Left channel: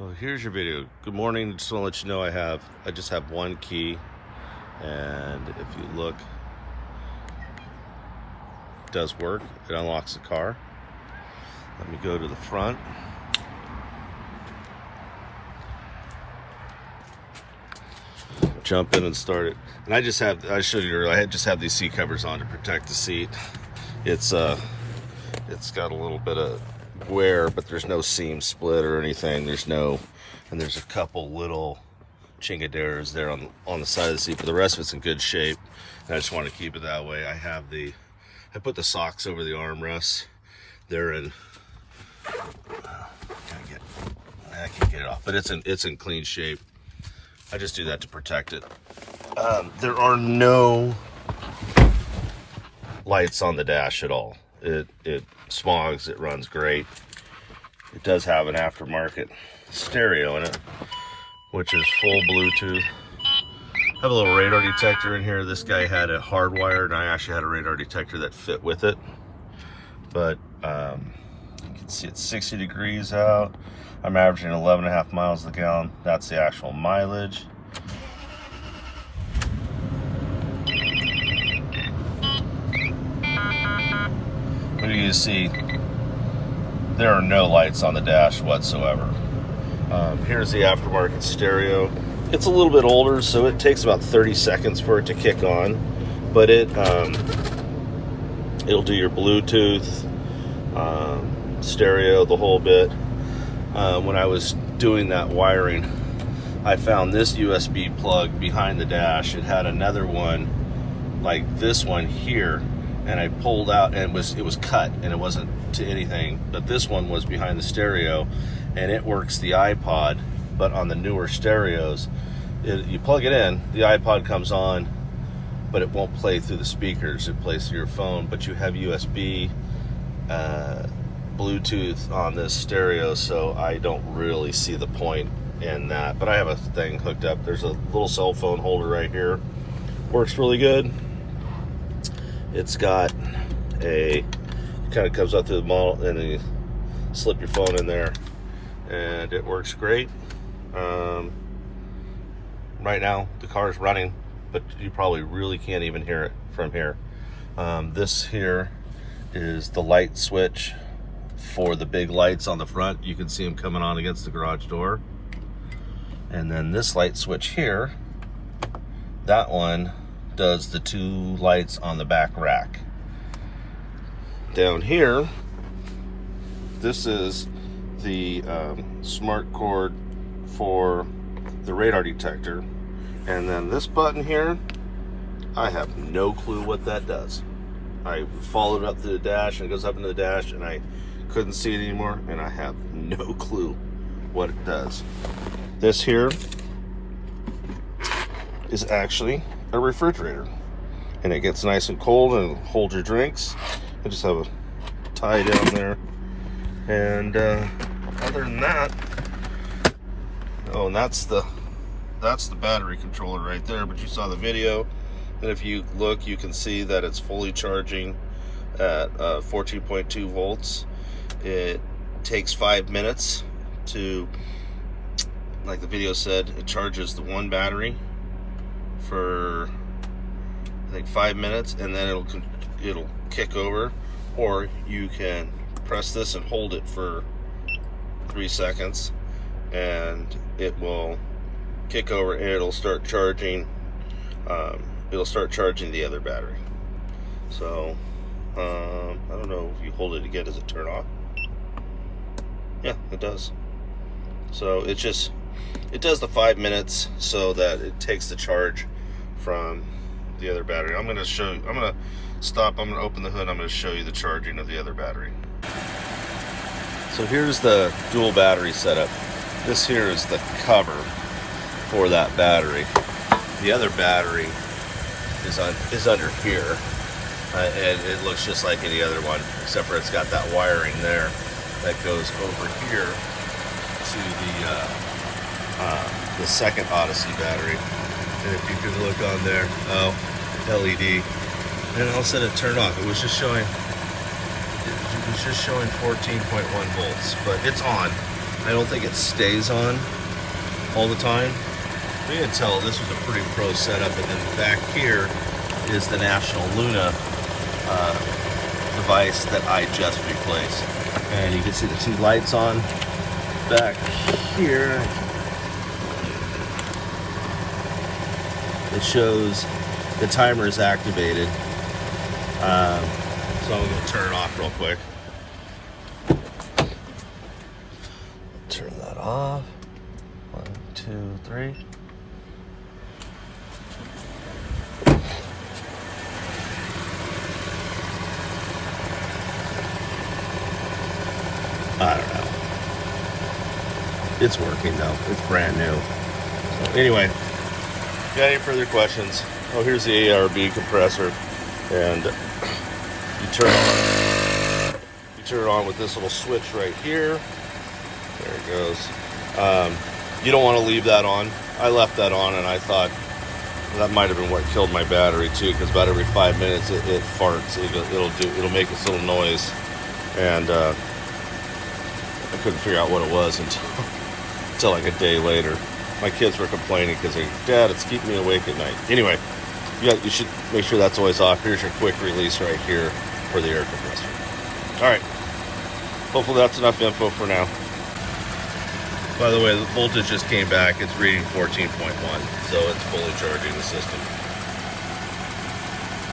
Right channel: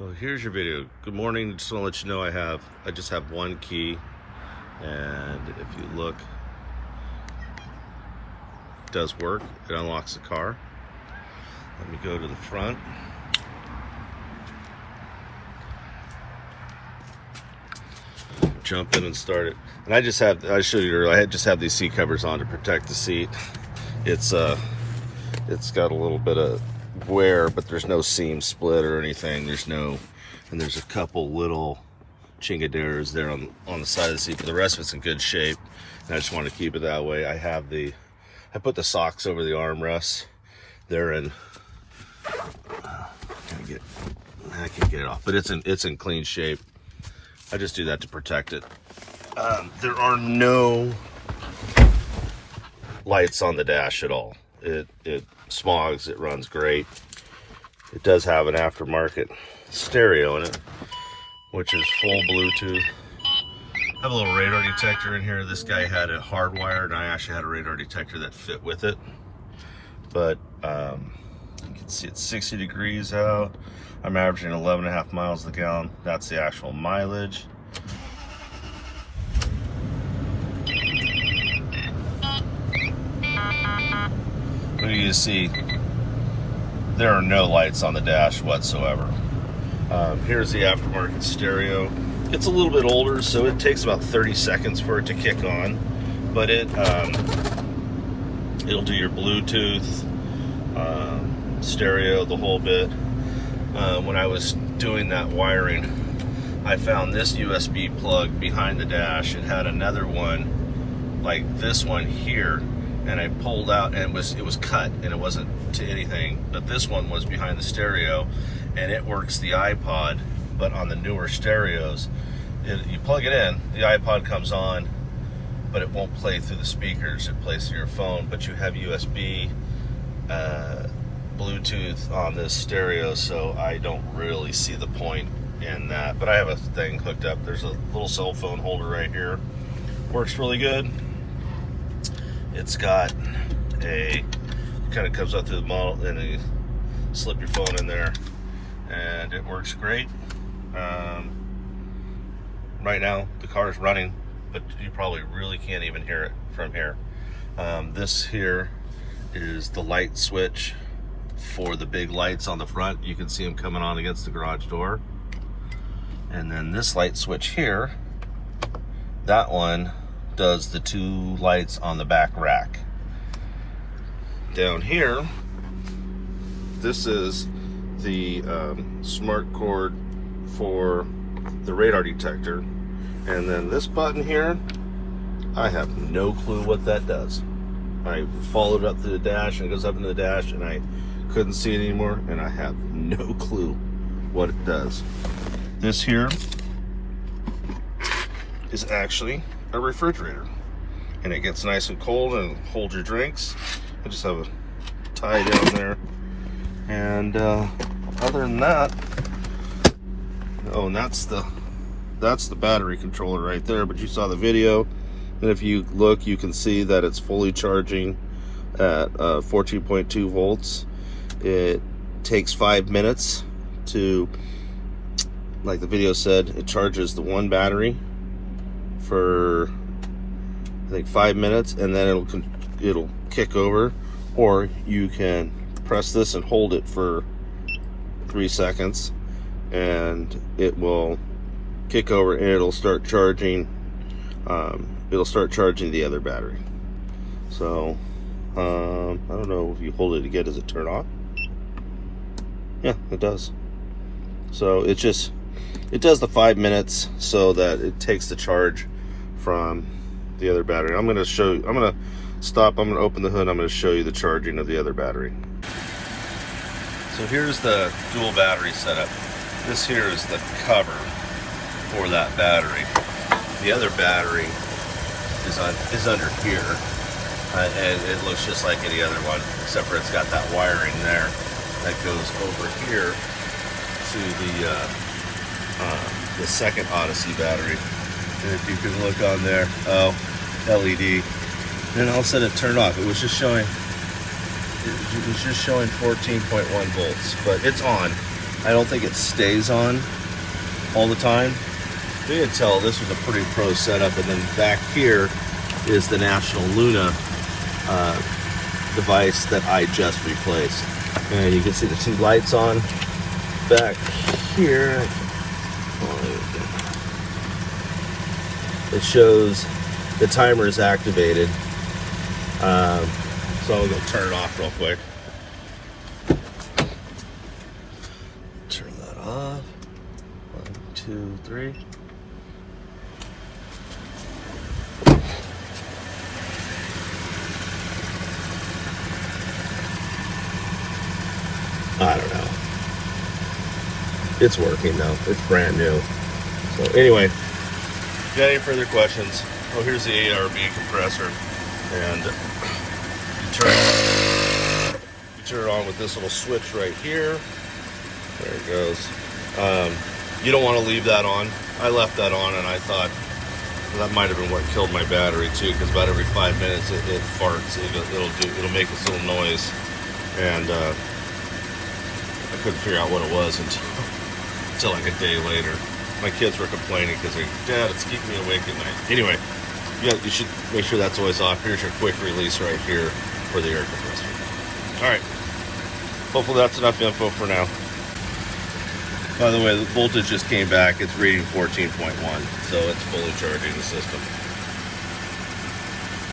Well, here's your video. Good morning. Just want to let you know I just have one key, and if you look, it does work. It unlocks the car. Let me go to the front. Jump in and start it. And I showed you earlier, I just have these seat covers on to protect the seat. It's got a little bit of wear, but there's no seam split or anything. And there's a couple little chingaderas there on the side of the seat, but the rest of it's in good shape. And I just want to keep it that way. I put the socks over the armrests. They're in, I can't get it off, but it's in clean shape. I just do that to protect it. There are no lights on the dash at all. It smogs, it runs great. It does have an aftermarket stereo in it, which is full Bluetooth. I have a little radar detector in here. This guy had it hardwired, and I actually had a radar detector that fit with it. But you can see it's 60 degrees out. I'm averaging 11.5 miles a gallon. That's the actual mileage. But you can see there are no lights on the dash whatsoever. Here's the aftermarket stereo. It's a little bit older, so it takes about 30 seconds for it to kick on, but it'll do your Bluetooth, stereo, the whole bit. When I was doing that wiring, I found this USB plug behind the dash. It had another one like this one here, and I pulled out, and it was cut, and it wasn't to anything, but this one was behind the stereo, and it works the iPod. But on the newer stereos, you plug it in, the iPod comes on, but it won't play through the speakers. It plays through your phone, but you have USB, Bluetooth on this stereo, so I don't really see the point in that. But I have a thing hooked up. There's a little cell phone holder right here. Works really good. It's got it kind of comes out through the model, and then you slip your phone in there, and it works great. Right now the car is running, but you probably really can't even hear it from here. This here is the light switch for the big lights on the front. You can see them coming on against the garage door. And then this light switch here, that one does the two lights on the back rack. Down here, this is the smart cord for the radar detector. And then this button here, I have no clue what that does. I followed up to the dash, and it goes up into the dash, and I couldn't see it anymore, and I have no clue what it does. This here is actually a refrigerator, and it gets nice and cold and hold your drinks. I just have a tie down there, and other than that, oh, and that's the battery controller right there. But you saw the video, and if you look, you can see that it's fully charging at 14.2 volts. It takes 5 minutes to, like the video said, it charges the one battery for I think 5 minutes, and then it'll kick over. Or you can press this and hold it for 3 seconds, and it will kick over, and it'll start charging. It'll start charging the other battery. So I don't know if you hold it again, does it turn off? Yeah, it does. So it does the 5 minutes so that it takes the charge from the other battery. I'm gonna stop, I'm gonna open the hood, I'm gonna show you the charging of the other battery. So here's the dual battery setup. This here is the cover for that battery. The other battery is under here, and it looks just like any other one, except for it's got that wiring there that goes over here to the second Odyssey battery. And if you can look on there, oh, LED, and all of a sudden it turned off. It was just showing 14.1 volts, but it's on. I don't think it stays on all the time. You can tell this was a pretty pro setup, and then back here is the National Luna device that I just replaced. And you can see the two lights on back here. It shows the timer is activated. So I'll go turn it off real quick. Turn that off. 1, 2, 3. I don't know. It's working though. It's brand new. So anyway, if you got any further questions, oh, here's the Arb compressor, and you turn it on with this little switch right here. There it goes. You don't want to leave that on. I left that on, and I thought that might have been what killed my battery too, because about every 5 minutes it farts. It'll make this little noise, and I couldn't figure out what it was until like a day later. My kids were complaining because they're, Dad, it's keeping me awake at night. Anyway, you should make sure that's always off. Here's your quick release right here for the air compressor. All right. Hopefully that's enough info for now. By the way, the voltage just came back. It's reading 14.1, so it's fully charging the system.